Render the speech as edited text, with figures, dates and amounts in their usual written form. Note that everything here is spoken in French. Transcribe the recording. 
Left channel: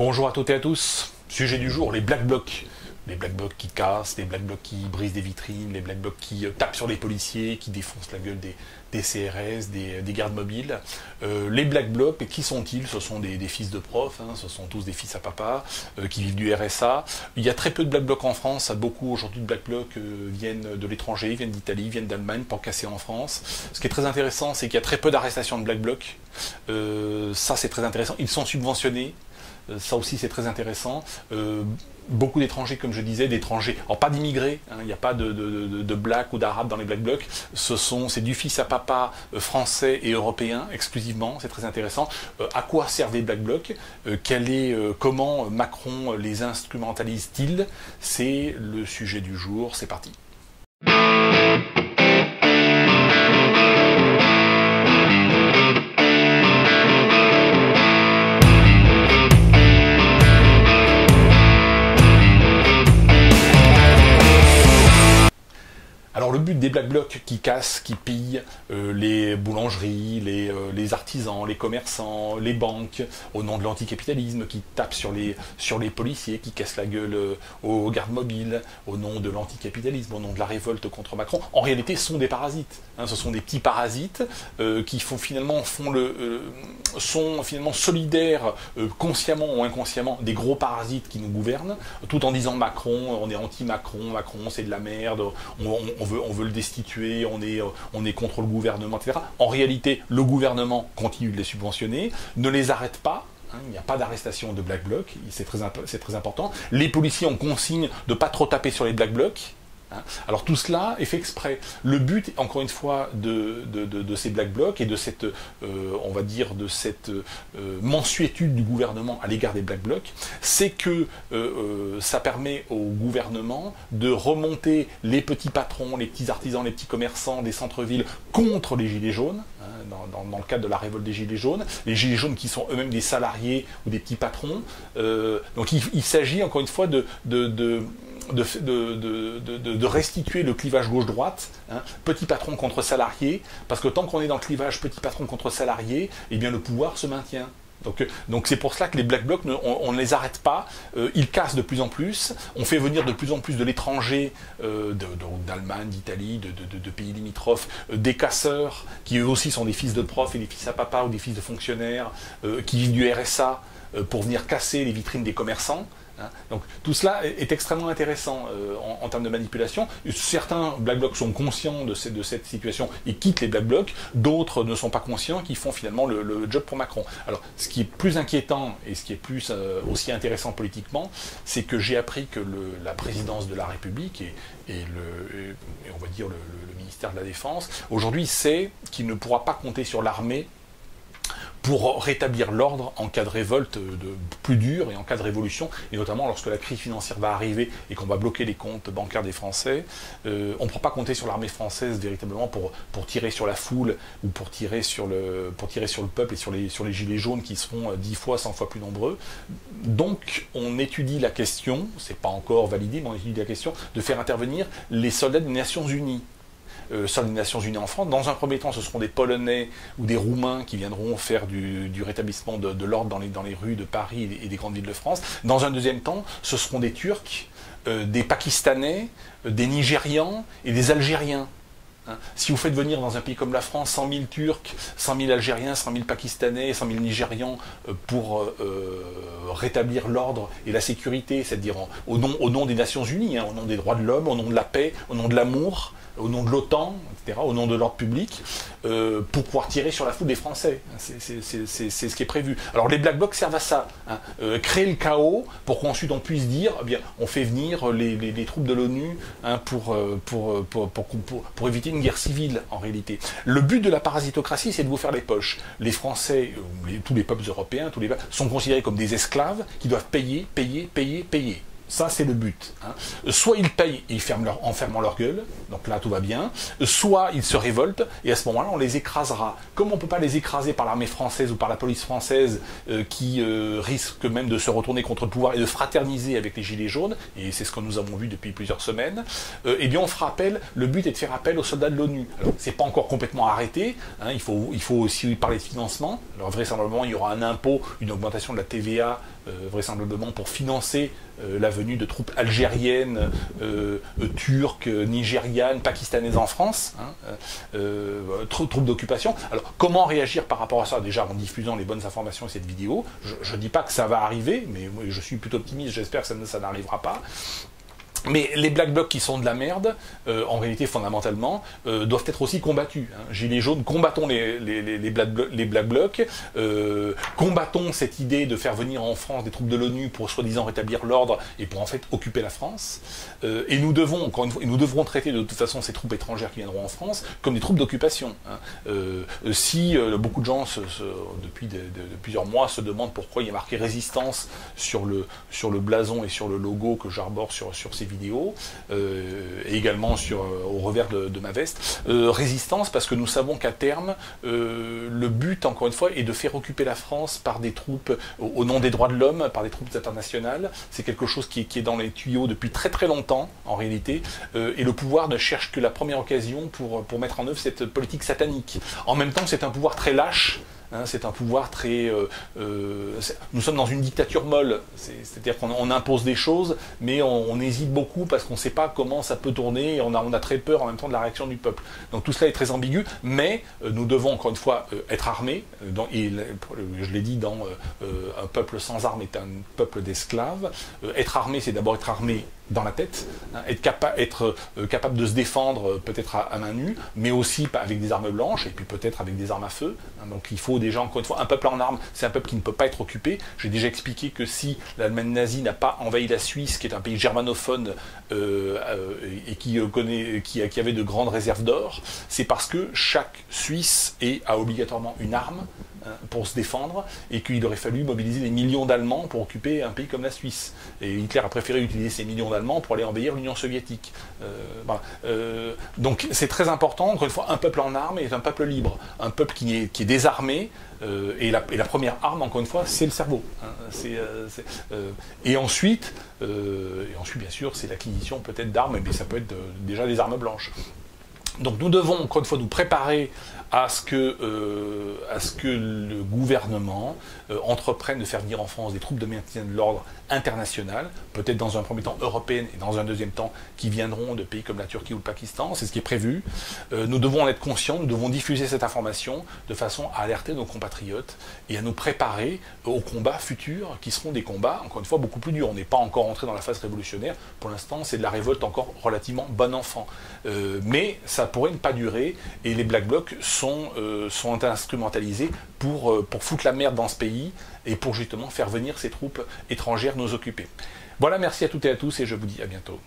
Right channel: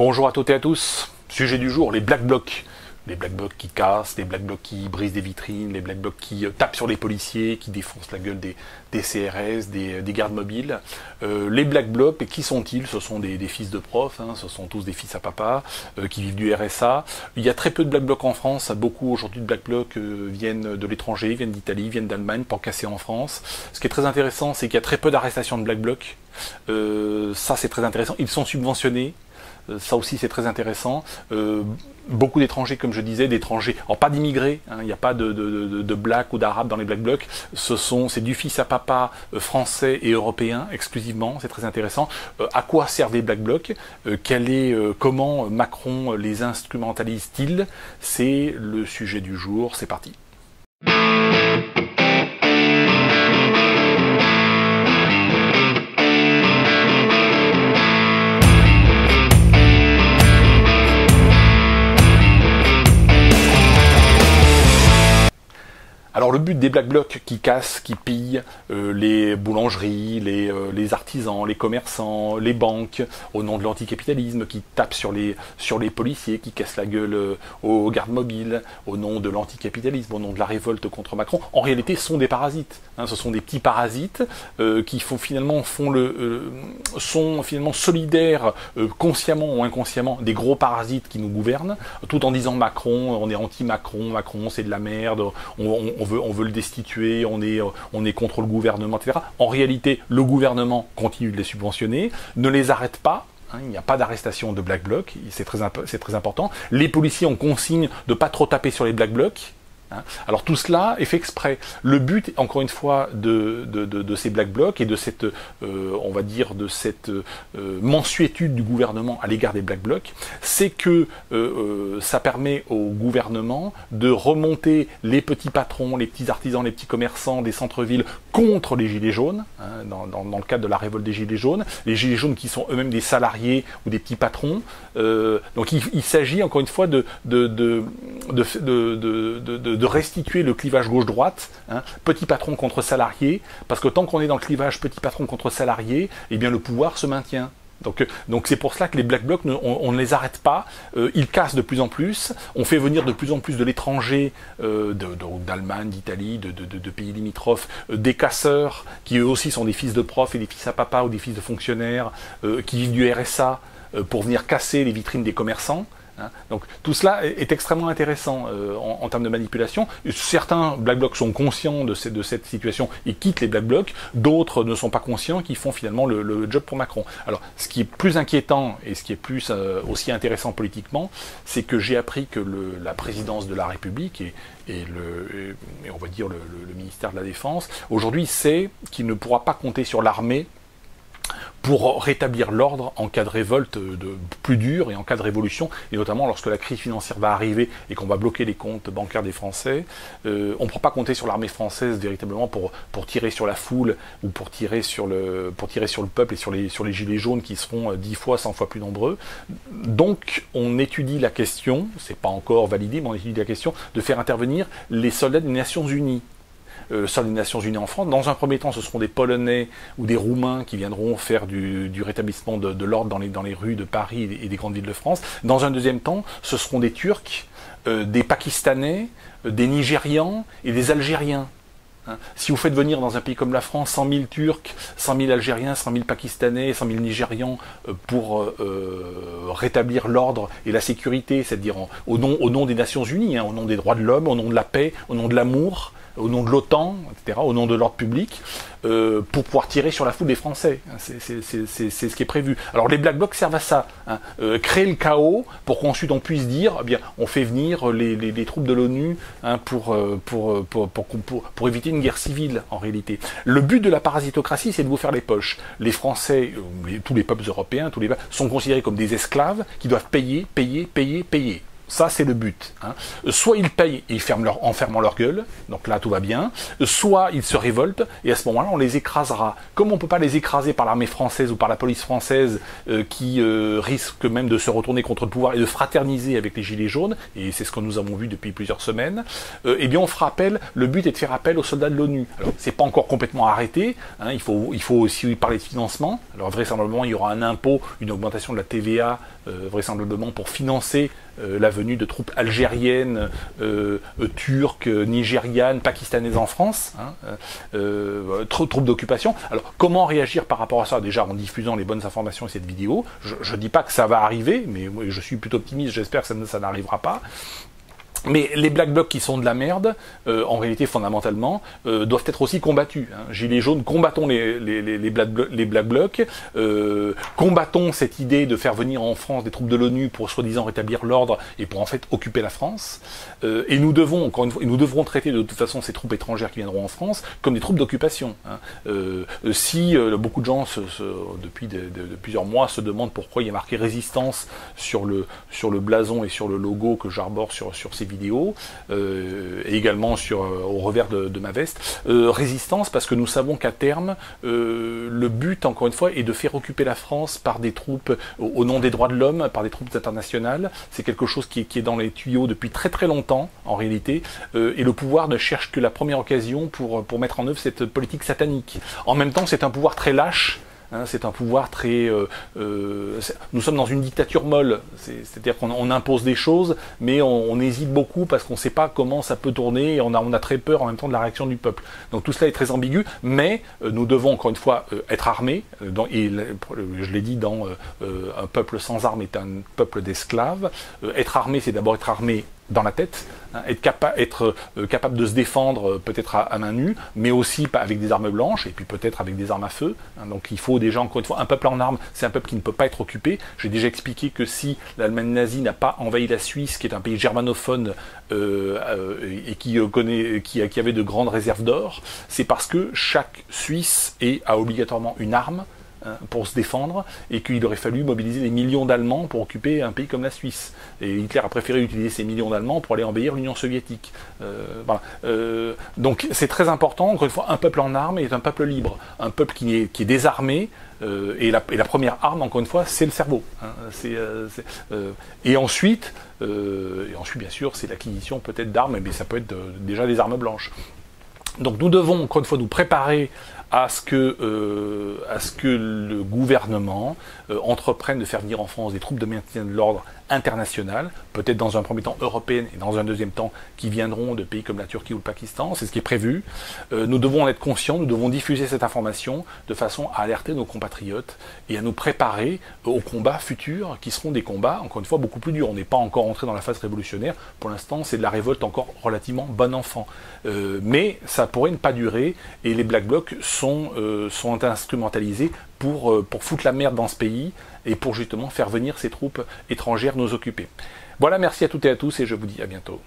Bonjour à toutes et à tous. Sujet du jour, les Black Blocs. Les Black Blocs qui cassent, les Black Blocs qui brisent des vitrines, les Black Blocs qui tapent sur les policiers, qui défoncent la gueule des CRS, des gardes mobiles. Les Black Blocs, qui sont-ils? Ce sont des fils de profs, ce sont tous des fils à papa, qui vivent du RSA. Il y a très peu de Black Blocs en France. Beaucoup aujourd'hui de Black Blocs viennent de l'étranger, viennent d'Italie, viennent d'Allemagne pour casser en France. Ce qui est très intéressant, c'est qu'il y a très peu d'arrestations de Black Blocs. Ça, c'est très intéressant. Ils sont subventionnés. Ça aussi c'est très intéressant. Beaucoup d'étrangers, comme je disais, d'étrangers, alors pas d'immigrés, il n'y a pas de blacks ou d'arabes dans les Black Blocs, c'est du fils à papa français et européen exclusivement, c'est très intéressant. À quoi servent les Black Blocs? Comment Macron les instrumentalise-t-il? C'est le sujet du jour, c'est parti. Alors le but des Black Blocs qui cassent, qui pillent les boulangeries, les artisans, les commerçants, les banques, au nom de l'anticapitalisme, qui tapent sur les policiers, qui cassent la gueule aux gardes mobiles, au nom de l'anticapitalisme, au nom de la révolte contre Macron, en réalité sont des parasites. Ce sont des petits parasites qui sont finalement solidaires, consciemment ou inconsciemment, des gros parasites qui nous gouvernent, tout en disant Macron, on est anti-Macron, Macron c'est de la merde, on veut le destituer, on est contre le gouvernement, etc. En réalité, le gouvernement continue de les subventionner, ne les arrête pas. Il n'y a pas d'arrestation de Black Blocs, c'est très important. Les policiers ont consigne de ne pas trop taper sur les Black Blocs. Alors tout cela est fait exprès. Le but, encore une fois, de ces Black Blocs et de cette, on va dire, de cette mansuétude du gouvernement à l'égard des Black Blocs, c'est que ça permet au gouvernement de remonter les petits patrons, les petits artisans, les petits commerçants des centres-villes contre les Gilets jaunes, dans le cadre de la révolte des Gilets jaunes, les Gilets jaunes qui sont eux-mêmes des salariés ou des petits patrons. Donc il s'agit, encore une fois, de restituer le clivage gauche-droite, petit patron contre salarié, parce que tant qu'on est dans le clivage petit patron contre salarié, eh bien le pouvoir se maintient. Donc c'est pour cela que les Black Blocs, on ne les arrête pas, ils cassent de plus en plus, on fait venir de plus en plus de l'étranger, d'Allemagne, d'Italie, de pays limitrophes, des casseurs, qui eux aussi sont des fils de profs et des fils à papa ou des fils de fonctionnaires, qui vivent du RSA, pour venir casser les vitrines des commerçants. Donc tout cela est extrêmement intéressant en termes de manipulation. Certains Black Blocs sont conscients de cette situation et quittent les Black Blocs, d'autres ne sont pas conscients, qui font finalement le job pour Macron. Alors ce qui est plus inquiétant et ce qui est plus aussi intéressant politiquement, c'est que j'ai appris que la présidence de la République et on va dire le ministère de la Défense, aujourd'hui sait qu'il ne pourra pas compter sur l'armée pour rétablir l'ordre en cas de révolte plus dure et en cas de révolution, et notamment lorsque la crise financière va arriver et qu'on va bloquer les comptes bancaires des Français. On ne pourra pas compter sur l'armée française véritablement pour tirer sur la foule ou pour tirer sur le peuple et sur les gilets jaunes qui seront 10 fois, 100 fois plus nombreux. Donc on étudie la question, c'est pas encore validé, mais on étudie la question de faire intervenir les soldats des Nations Unies. Sur les Nations Unies en France. Dans un premier temps, ce seront des Polonais ou des Roumains qui viendront faire du rétablissement de l'ordre dans les rues de Paris et des grandes villes de France. Dans un deuxième temps, ce seront des Turcs, des Pakistanais, des Nigérians et des Algériens. Si vous faites venir dans un pays comme la France 100 000 Turcs, 100 000 Algériens, 100 000 Pakistanais, 100 000 Nigérians pour rétablir l'ordre et la sécurité, c'est-à-dire au nom des Nations Unies, au nom des droits de l'homme, au nom de la paix, au nom de l'amour, au nom de l'OTAN, etc., au nom de l'ordre public, pour pouvoir tirer sur la foule des Français. C'est ce qui est prévu. Alors les Black Blocs servent à ça, créer le chaos pour qu'ensuite on puisse dire, eh bien, on fait venir les troupes de l'ONU pour éviter une guerre civile en réalité. Le but de la parasitocratie, c'est de vous faire les poches. Les Français, tous les peuples européens, sont considérés comme des esclaves qui doivent payer. Ça, c'est le but. Hein. Soit ils payent et en fermant leur gueule, donc là, tout va bien. Soit ils se révoltent, et à ce moment-là, on les écrasera. Comme on ne peut pas les écraser par l'armée française ou par la police française, qui risque même de se retourner contre le pouvoir et de fraterniser avec les Gilets jaunes, et c'est ce que nous avons vu depuis plusieurs semaines, eh bien, on fera appel, le but est de faire appel aux soldats de l'ONU. Alors, c'est pas encore complètement arrêté, hein, il faut aussi parler de financement. Alors, vraisemblablement, il y aura un impôt, une augmentation de la TVA, vraisemblablement pour financer la venue de troupes algériennes, turques, nigérianes, pakistanaises en France, hein, troupes d'occupation. Alors, comment réagir par rapport à ça? Déjà en diffusant les bonnes informations et cette vidéo. Je ne dis pas que ça va arriver, mais je suis plutôt optimiste, j'espère que ça n'arrivera pas. Mais les Black Blocs qui sont de la merde, en réalité fondamentalement, doivent être aussi combattus. Hein. Gilets jaunes, combattons les Black Blocs, combattons cette idée de faire venir en France des troupes de l'ONU pour soi-disant rétablir l'ordre et pour en fait occuper la France. Et nous devons, encore une fois, nous devrons traiter de toute façon ces troupes étrangères qui viendront en France comme des troupes d'occupation. Hein. Si beaucoup de gens, depuis plusieurs mois, se demandent pourquoi il y a marqué résistance sur le blason et sur le logo que j'arbore sur ces vidéos, et également au revers de ma veste, résistance parce que nous savons qu'à terme, le but, encore une fois, est de faire occuper la France par des troupes, au nom des droits de l'homme, par des troupes internationales. C'est quelque chose qui est dans les tuyaux depuis très très longtemps, en réalité, et le pouvoir ne cherche que la première occasion pour mettre en œuvre cette politique satanique. En même temps, c'est un pouvoir très lâche. Hein, c'est un pouvoir très... nous sommes dans une dictature molle, c'est-à-dire qu'on impose des choses, mais on hésite beaucoup parce qu'on ne sait pas comment ça peut tourner, et on a très peur en même temps de la réaction du peuple. Donc tout cela est très ambigu, mais nous devons encore une fois être armés, et je l'ai dit un peuple sans armes est un peuple d'esclaves. Être armé, c'est d'abord être armé dans la tête, hein, être capable de se défendre peut-être à main nue, mais aussi avec des armes blanches, et puis peut-être avec des armes à feu. Hein, donc il faut déjà, encore une fois, un peuple en armes, c'est un peuple qui ne peut pas être occupé. J'ai déjà expliqué que si l'Allemagne nazie n'a pas envahi la Suisse, qui est un pays germanophone, et qui avait de grandes réserves d'or, c'est parce que chaque Suisse a obligatoirement une arme, pour se défendre, et qu'il aurait fallu mobiliser des millions d'Allemands pour occuper un pays comme la Suisse. Et Hitler a préféré utiliser ces millions d'Allemands pour aller envahir l'Union soviétique. Voilà. Donc c'est très important, encore une fois, un peuple en armes est un peuple libre, un peuple qui est désarmé, et la première arme, encore une fois, c'est le cerveau. Hein, et ensuite, bien sûr, c'est l'acquisition peut-être d'armes, mais ça peut être déjà des armes blanches. Donc nous devons, encore une fois, nous préparer à ce que le gouvernement entreprenne de faire venir en France des troupes de maintien de l'ordre internationales, peut-être dans un premier temps européennes et dans un deuxième temps qui viendront de pays comme la Turquie ou le Pakistan, c'est ce qui est prévu. Nous devons en être conscients, nous devons diffuser cette information de façon à alerter nos compatriotes et à nous préparer aux combats futurs qui seront des combats, encore une fois, beaucoup plus durs. On n'est pas encore entré dans la phase révolutionnaire, pour l'instant c'est de la révolte encore relativement bon enfant. Mais ça pourrait ne pas durer et les Black Blocs sont instrumentalisés pour foutre la merde dans ce pays et pour justement faire venir ces troupes étrangères nous occuper. Voilà, merci à toutes et à tous et je vous dis à bientôt.